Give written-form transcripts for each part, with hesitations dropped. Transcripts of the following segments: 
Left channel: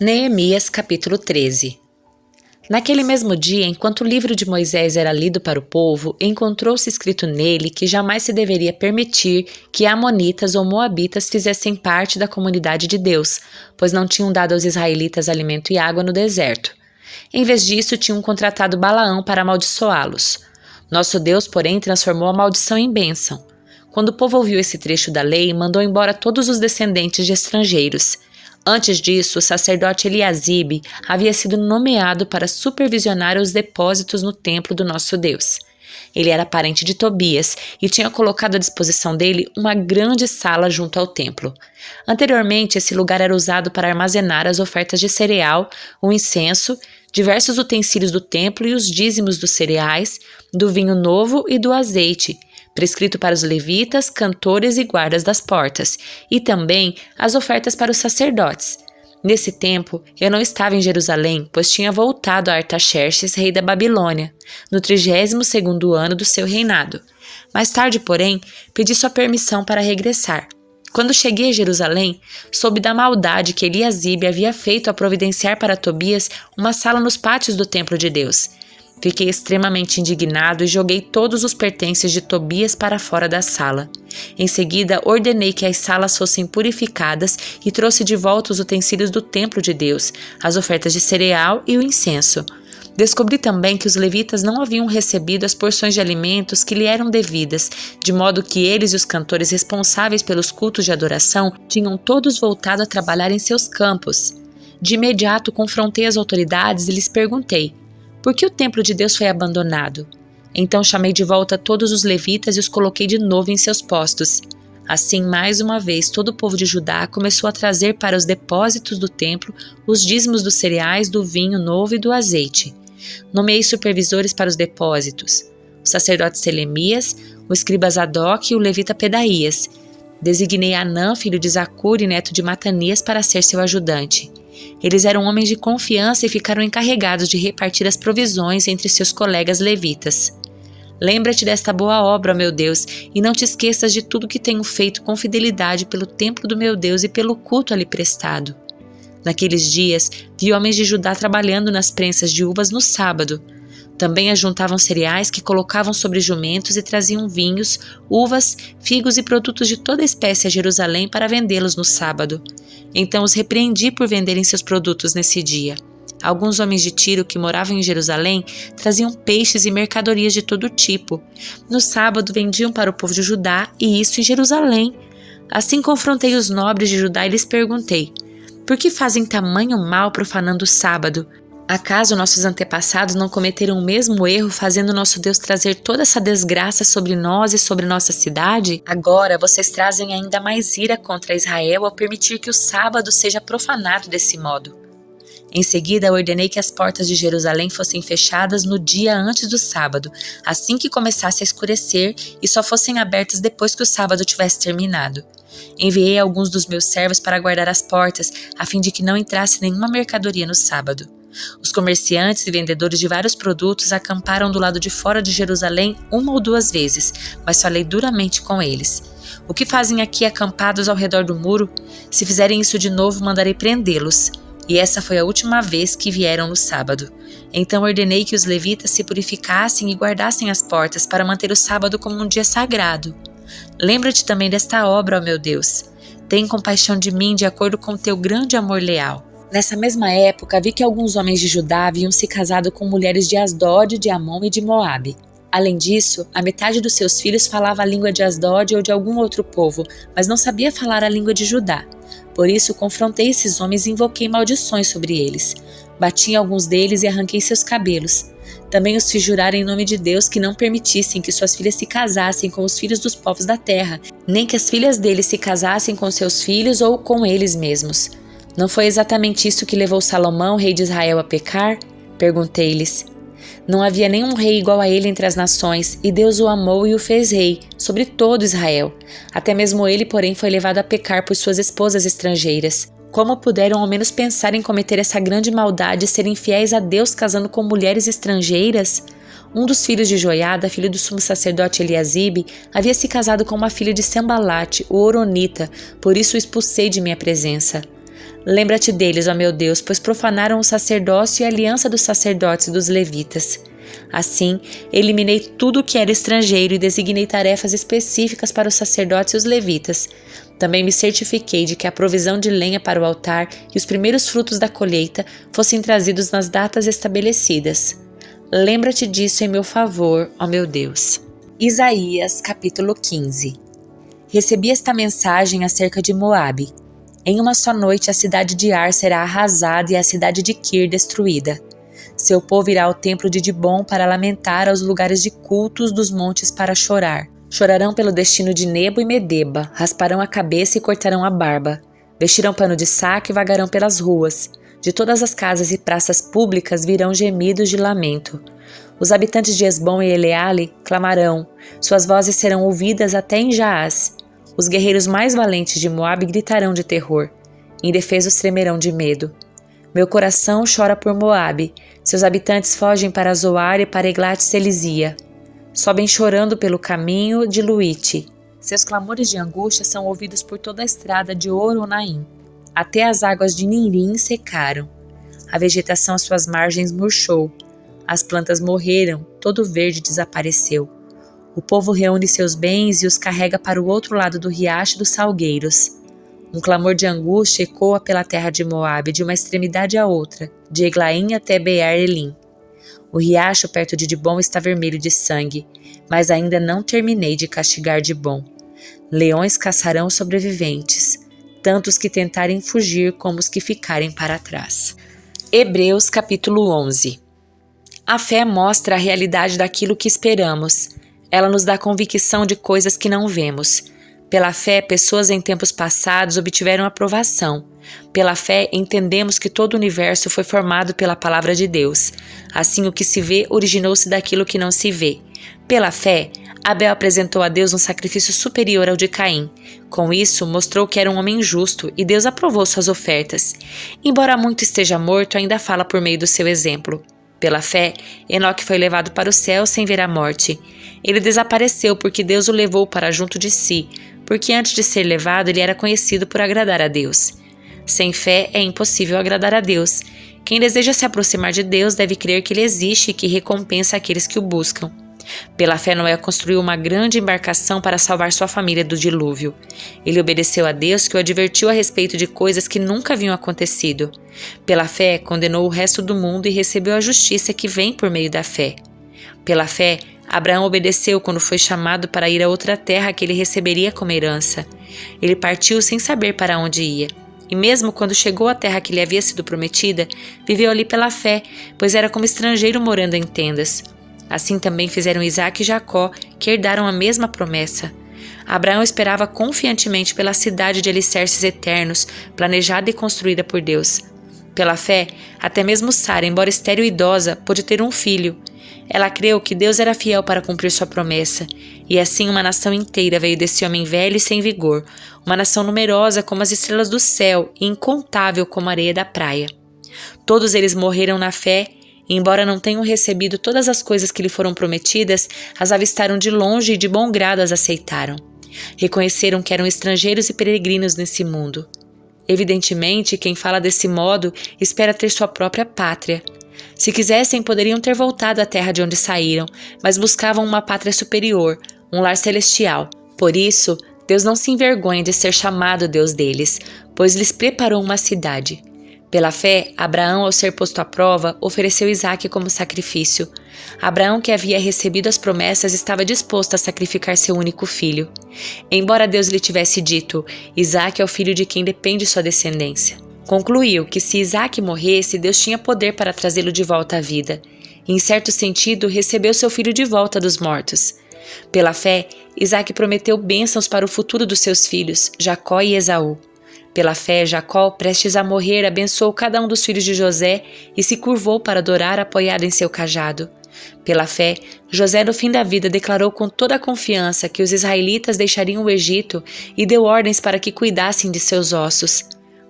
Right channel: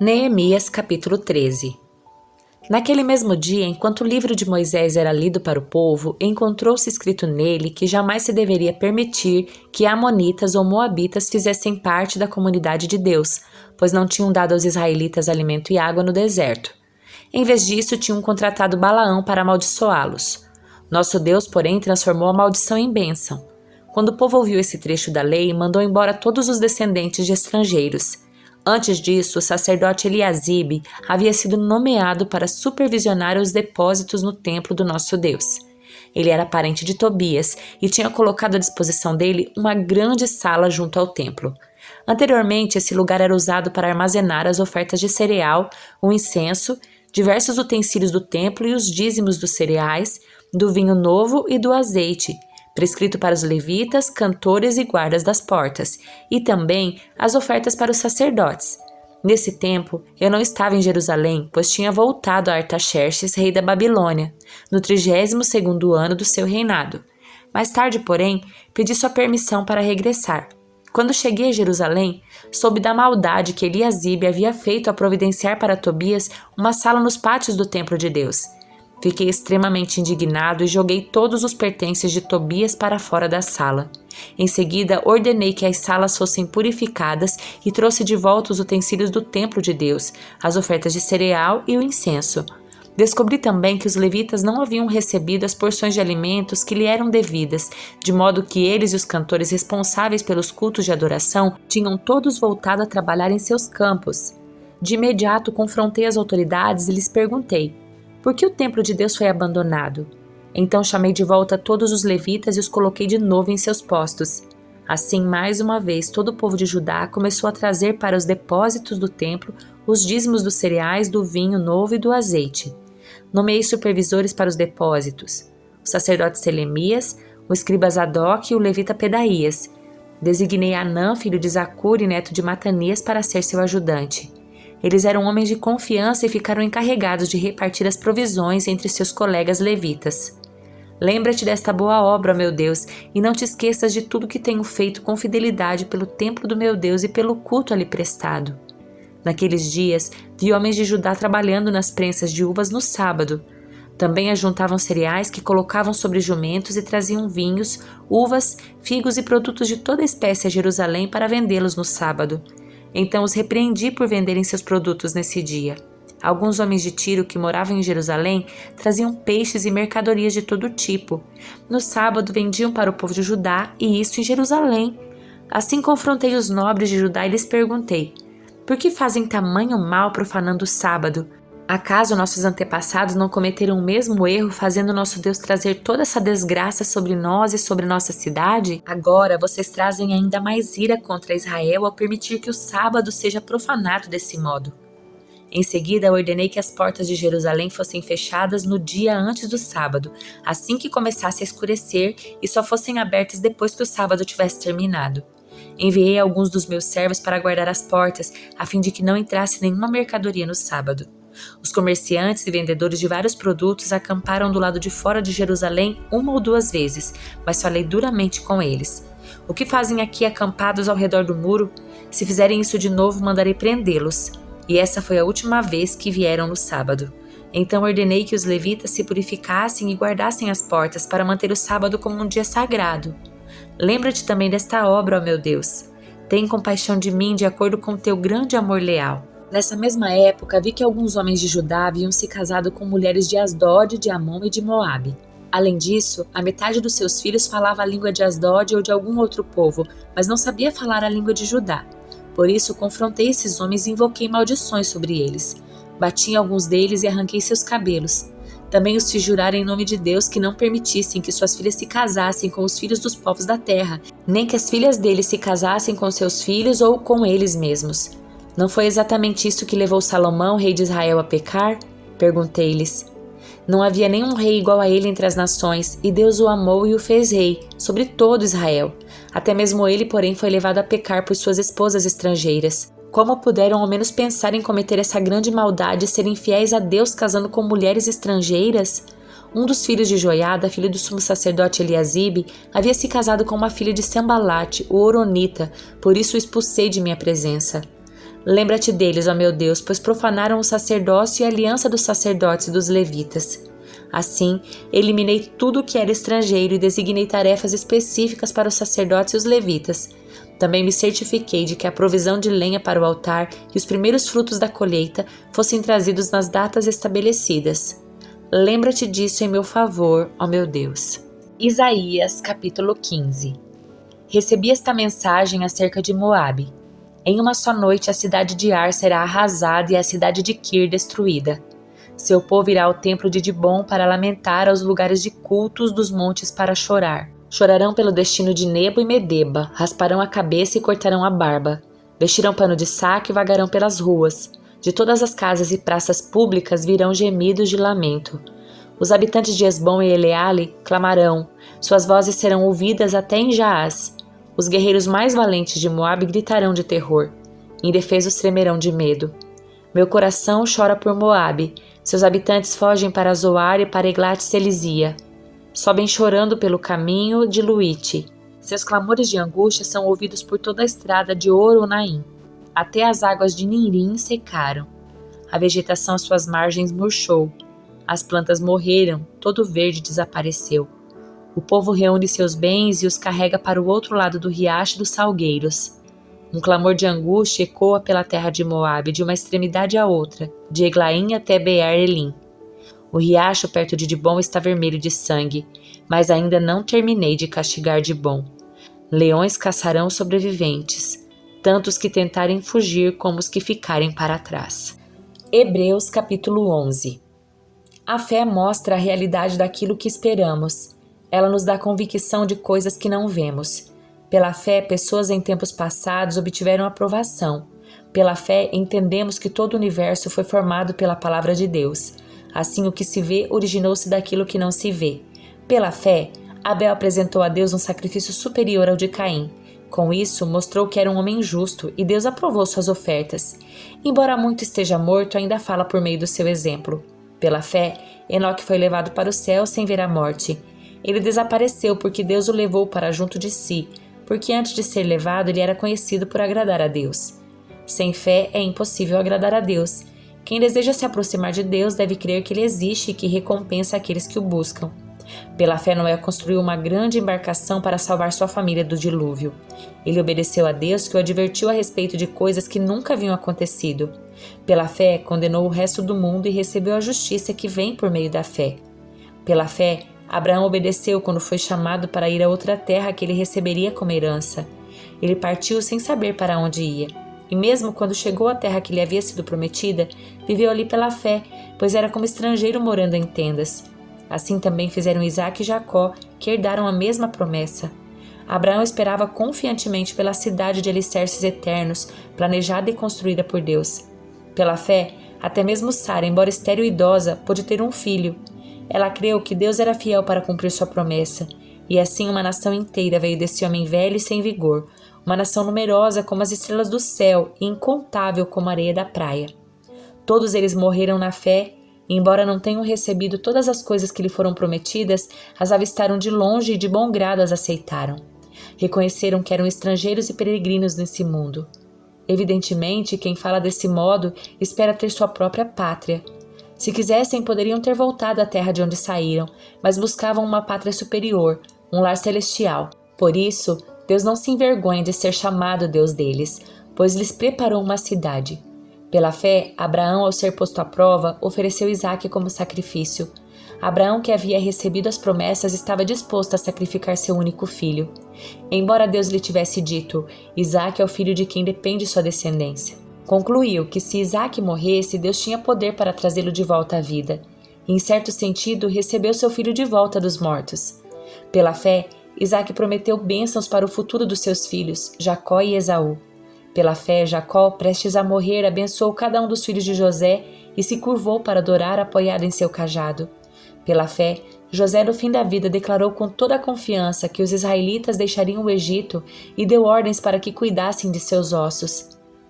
Neemias capítulo 13. Naquele mesmo dia, enquanto o livro de Moisés era lido para o povo, encontrou-se escrito nele que jamais se deveria permitir que amonitas ou moabitas fizessem parte da comunidade de Deus, pois não tinham dado aos israelitas alimento e água no deserto. Em vez disso, tinham contratado Balaão para amaldiçoá-los. Nosso Deus, porém, transformou a maldição em bênção. Quando o povo ouviu esse trecho da lei, mandou embora todos os descendentes de estrangeiros. Antes disso, o sacerdote Eliasibe havia sido nomeado para supervisionar os depósitos no templo do nosso Deus. Ele era parente de Tobias e tinha colocado à disposição dele uma grande sala junto ao templo. Anteriormente, esse lugar era usado para armazenar as ofertas de cereal, o incenso, diversos utensílios do templo e os dízimos dos cereais, do vinho novo e do azeite, prescrito para os levitas, cantores e guardas das portas, e também as ofertas para os sacerdotes. Nesse tempo, eu não estava em Jerusalém, pois tinha voltado a Artaxerxes, rei da Babilônia, no 32º ano do seu reinado. Mais tarde, porém, pedi sua permissão para regressar. Quando cheguei a Jerusalém, soube da maldade que Eliasibe havia feito a providenciar para Tobias uma sala nos pátios do templo de Deus. Fiquei extremamente indignado e joguei todos os pertences de Tobias para fora da sala. Em seguida, ordenei que as salas fossem purificadas e trouxe de volta os utensílios do templo de Deus, as ofertas de cereal e o incenso. Descobri também que os levitas não haviam recebido as porções de alimentos que lhe eram devidas, de modo que eles e os cantores responsáveis pelos cultos de adoração tinham todos voltado a trabalhar em seus campos. De imediato confrontei as autoridades e lhes perguntei: por que o templo de Deus foi abandonado? Então chamei de volta todos os levitas e os coloquei de novo em seus postos. Assim, mais uma vez, todo o povo de Judá começou a trazer para os depósitos do templo os dízimos dos cereais, do vinho novo e do azeite. Nomeei supervisores para os depósitos: o sacerdote Selemias, o escriba Zadok e o levita Pedaías. Designei Anã, filho de Zacur e neto de Matanias, para ser seu ajudante. Eles eram homens de confiança e ficaram encarregados de repartir as provisões entre seus colegas levitas. Lembra-te desta boa obra, ó meu Deus, e não te esqueças de tudo que tenho feito com fidelidade pelo templo do meu Deus e pelo culto ali prestado. Naqueles dias, vi homens de Judá trabalhando nas prensas de uvas no sábado. Também ajuntavam cereais que colocavam sobre jumentos e traziam vinhos, uvas, figos e produtos de toda espécie a Jerusalém para vendê-los no sábado. Então os repreendi por venderem seus produtos nesse dia. Alguns homens de Tiro que moravam em Jerusalém traziam peixes e mercadorias de todo tipo. No sábado vendiam para o povo de Judá, e isso em Jerusalém. Assim confrontei os nobres de Judá e lhes perguntei: por que fazem tamanho mal profanando o sábado? Acaso nossos antepassados não cometeram o mesmo erro, fazendo nosso Deus trazer toda essa desgraça sobre nós e sobre nossa cidade? Agora vocês trazem ainda mais ira contra Israel ao permitir que o sábado seja profanado desse modo. Em seguida, ordenei que as portas de Jerusalém fossem fechadas no dia antes do sábado, assim que começasse a escurecer, e só fossem abertas depois que o sábado tivesse terminado. Enviei alguns dos meus servos para guardar as portas, a fim de que não entrasse nenhuma mercadoria no sábado. Os comerciantes e vendedores de vários produtos acamparam do lado de fora de Jerusalém 1 ou 2 vezes, mas falei duramente com eles: o que fazem aqui acampados ao redor do muro? Se fizerem isso de novo, mandarei prendê-los. E essa foi a última vez que vieram no sábado. Então ordenei que os levitas se purificassem e guardassem as portas para manter o sábado como um dia sagrado. Lembra-te também desta obra, ó meu Deus. Tem compaixão de mim de acordo com o teu grande amor leal. Nessa mesma época, vi que alguns homens de Judá haviam se casado com mulheres de Asdod, de Amon e de Moabe. Além disso, a metade dos seus filhos falava a língua de Asdod ou de algum outro povo, mas não sabia falar a língua de Judá. Por isso, confrontei esses homens e invoquei maldições sobre eles. Bati em alguns deles e arranquei seus cabelos. Também os fiz jurar em nome de Deus que não permitissem que suas filhas se casassem com os filhos dos povos da terra, nem que as filhas deles se casassem com seus filhos ou com eles mesmos. Não foi exatamente isso que levou Salomão, rei de Israel, a pecar? Perguntei-lhes. Não havia nenhum rei igual a ele entre as nações, e Deus o amou e o fez rei, sobre todo Israel. Até mesmo ele, porém, foi levado a pecar por suas esposas estrangeiras. Como puderam ao menos pensar em cometer essa grande maldade e serem fiéis a Deus casando com mulheres estrangeiras? Um dos filhos de Joiada, filho do sumo sacerdote Eliasibe, havia se casado com uma filha de Sambalate, o Horonita, por isso o expulsei de minha presença. Lembra-te deles, ó meu Deus, pois profanaram o sacerdócio e a aliança dos sacerdotes e dos levitas. Assim, eliminei tudo o que era estrangeiro e designei tarefas específicas para os sacerdotes e os levitas. Também me certifiquei de que a provisão de lenha para o altar e os primeiros frutos da colheita fossem trazidos nas datas estabelecidas. Lembra-te disso em meu favor, ó meu Deus. Isaías, capítulo 15. Recebi esta mensagem acerca de Moabe. Em uma só noite a cidade de Ar será arrasada e a cidade de Kir destruída. Seu povo irá ao templo de Dibom para lamentar, aos lugares de cultos dos montes para chorar. Chorarão pelo destino de Nebo e Medeba, rasparão a cabeça e cortarão a barba. Vestirão pano de saco e vagarão pelas ruas. De todas as casas e praças públicas virão gemidos de lamento. Os habitantes de Esbom e Eleale clamarão, suas vozes serão ouvidas até em Jaaz. Os guerreiros mais valentes de Moabe gritarão de terror. Indefesos tremerão de medo. Meu coração chora por Moabe. Seus habitantes fogem para Zoar e para Eglat-Selizia. Sobem chorando pelo caminho de Luite. Seus clamores de angústia são ouvidos por toda a estrada de Oronaim. Até as águas de Nirim secaram. A vegetação às suas margens murchou. As plantas morreram, todo o verde desapareceu. O povo reúne seus bens e os carrega para o outro lado do riacho dos salgueiros. Um clamor de angústia ecoa pela terra de Moabe, de uma extremidade à outra, de Eglaim até Beer-Elim. O riacho perto de Dibom está vermelho de sangue, mas ainda não terminei de castigar Dibom. Leões caçarão os sobreviventes, tanto os que tentarem fugir como os que ficarem para trás. Hebreus capítulo 11. A fé mostra a realidade daquilo que esperamos. Ela nos dá convicção de coisas que não vemos. Pela fé, pessoas em tempos passados obtiveram aprovação. Pela fé, entendemos que todo o universo foi formado pela palavra de Deus. Assim, o que se vê originou-se daquilo que não se vê. Pela fé, Abel apresentou a Deus um sacrifício superior ao de Caim. Com isso, mostrou que era um homem justo e Deus aprovou suas ofertas. Embora muito esteja morto, ainda fala por meio do seu exemplo. Pela fé, Enoque foi levado para o céu sem ver a morte. Ele desapareceu porque Deus o levou para junto de si, porque antes de ser levado ele era conhecido por agradar a Deus. Sem fé é impossível agradar a Deus. Quem deseja se aproximar de Deus deve crer que Ele existe e que recompensa aqueles que o buscam. Pela fé, Noé construiu uma grande embarcação para salvar sua família do dilúvio. Ele obedeceu a Deus, que o advertiu a respeito de coisas que nunca haviam acontecido. Pela fé, condenou o resto do mundo e recebeu a justiça que vem por meio da fé. Pela fé, Abraão obedeceu quando foi chamado para ir a outra terra que ele receberia como herança. Ele partiu sem saber para onde ia. E mesmo quando chegou à terra que lhe havia sido prometida, viveu ali pela fé, pois era como estrangeiro morando em tendas. Assim também fizeram Isaque e Jacó, que herdaram a mesma promessa. Abraão esperava confiantemente pela cidade de alicerces eternos, planejada e construída por Deus. Pela fé, até mesmo Sara, embora estéril e idosa, pôde ter um filho. Ela creu que Deus era fiel para cumprir sua promessa, e assim uma nação inteira veio desse homem velho e sem vigor, uma nação numerosa como as estrelas do céu e incontável como a areia da praia. Todos eles morreram na fé, e embora não tenham recebido todas as coisas que lhe foram prometidas, as avistaram de longe e de bom grado as aceitaram. Reconheceram que eram estrangeiros e peregrinos nesse mundo. Evidentemente, quem fala desse modo espera ter sua própria pátria. Se quisessem, poderiam ter voltado à terra de onde saíram, mas buscavam uma pátria superior, um lar celestial. Por isso, Deus não se envergonha de ser chamado Deus deles, pois lhes preparou uma cidade. Pela fé, Abraão, ao ser posto à prova, ofereceu Isaque como sacrifício. Abraão, que havia recebido as promessas, estava disposto a sacrificar seu único filho. Embora Deus lhe tivesse dito, Isaque é o filho de quem depende sua descendência. Concluiu que se Isaque morresse, Deus tinha poder para trazê-lo de volta à vida. E, em certo sentido, recebeu seu filho de volta dos mortos. Pela fé, Isaque prometeu bênçãos para o futuro dos seus filhos, Jacó e Esaú. Pela fé, Jacó, prestes a morrer, abençoou cada um dos filhos de José e se curvou para adorar apoiado em seu cajado. Pela fé, José, no fim da vida, declarou com toda a confiança que os israelitas deixariam o Egito e deu ordens para que cuidassem de seus ossos.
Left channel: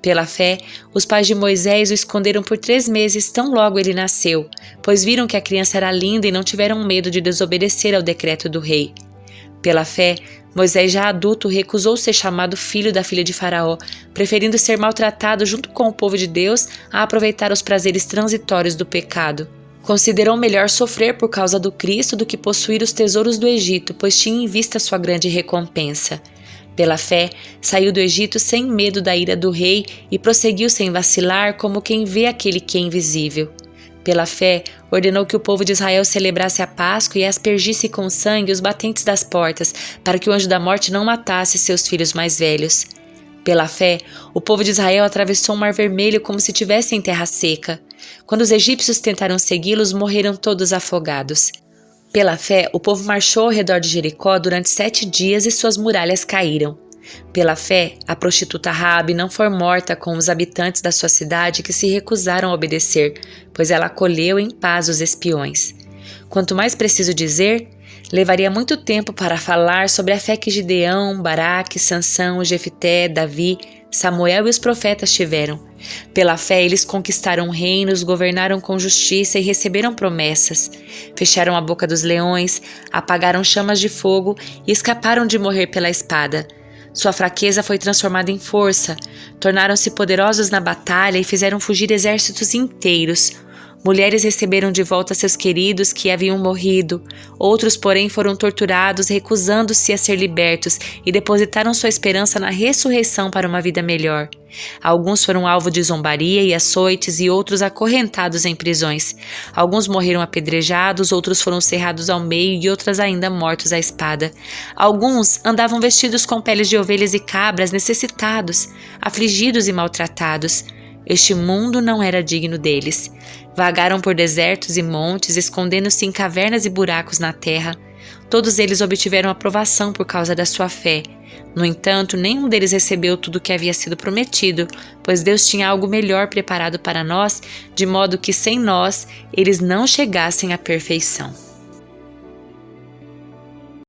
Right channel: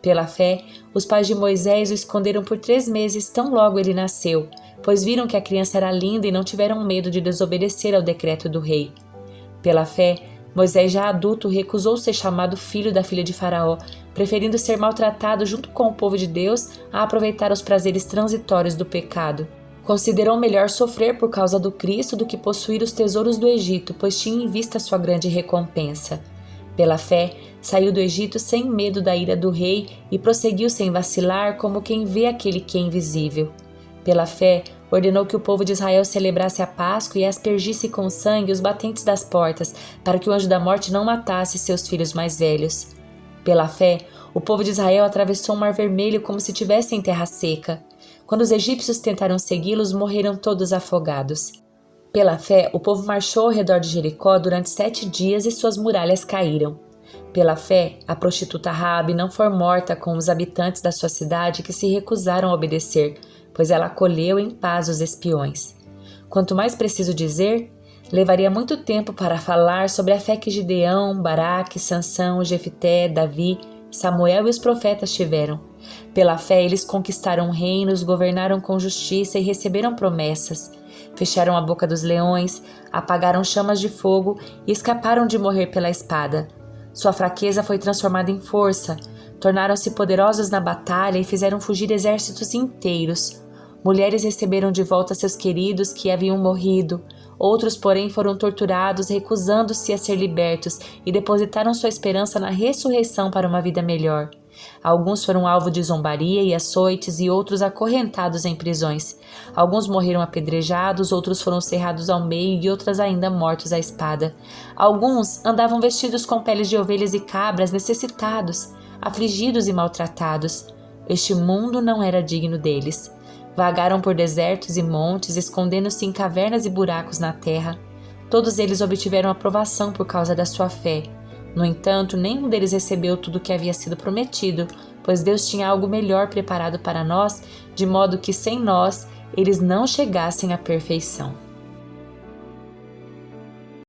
Pela fé, os pais de Moisés o esconderam por 3 meses tão logo ele nasceu, pois viram que a criança era linda e não tiveram medo de desobedecer ao decreto do rei. Pela fé, Moisés, já adulto, recusou ser chamado filho da filha de Faraó, preferindo ser maltratado junto com o povo de Deus a aproveitar os prazeres transitórios do pecado. Considerou melhor sofrer por causa do Cristo do que possuir os tesouros do Egito, pois tinha em vista sua grande recompensa. Pela fé, saiu do Egito sem medo da ira do rei e prosseguiu sem vacilar, como quem vê aquele que é invisível. Pela fé, ordenou que o povo de Israel celebrasse a Páscoa e aspergisse com sangue os batentes das portas, para que o anjo da morte não matasse seus filhos mais velhos. Pela fé, o povo de Israel atravessou o Mar Vermelho como se estivesse em terra seca. Quando os egípcios tentaram segui-los, morreram todos afogados. Pela fé, o povo marchou ao redor de Jericó durante 7 dias e suas muralhas caíram. Pela fé, a prostituta Raabe não foi morta com os habitantes da sua cidade que se recusaram a obedecer, pois ela acolheu em paz os espiões. Quanto mais preciso dizer, levaria muito tempo para falar sobre a fé que Gideão, Baraque, Sansão, Jefité, Davi, Samuel e os profetas tiveram. Pela fé, eles conquistaram reinos, governaram com justiça e receberam promessas. Fecharam a boca dos leões, apagaram chamas de fogo e escaparam de morrer pela espada. Sua fraqueza foi transformada em força, tornaram-se poderosos na batalha e fizeram fugir exércitos inteiros. Mulheres receberam de volta seus queridos que haviam morrido, outros, porém, foram torturados, recusando-se a ser libertos e depositaram sua esperança na ressurreição para uma vida melhor. Alguns foram alvo de zombaria e açoites e outros acorrentados em prisões. Alguns morreram apedrejados, outros foram cerrados ao meio e outros ainda mortos à espada. Alguns andavam vestidos com peles de ovelhas e cabras, necessitados, afligidos e maltratados. Este mundo não era digno deles. Vagaram por desertos e montes, escondendo-se em cavernas e buracos na terra. Todos eles obtiveram aprovação por causa da sua fé. No entanto, nenhum deles recebeu tudo o que havia sido prometido, pois Deus tinha algo melhor preparado para nós, de modo que sem nós eles não chegassem à perfeição.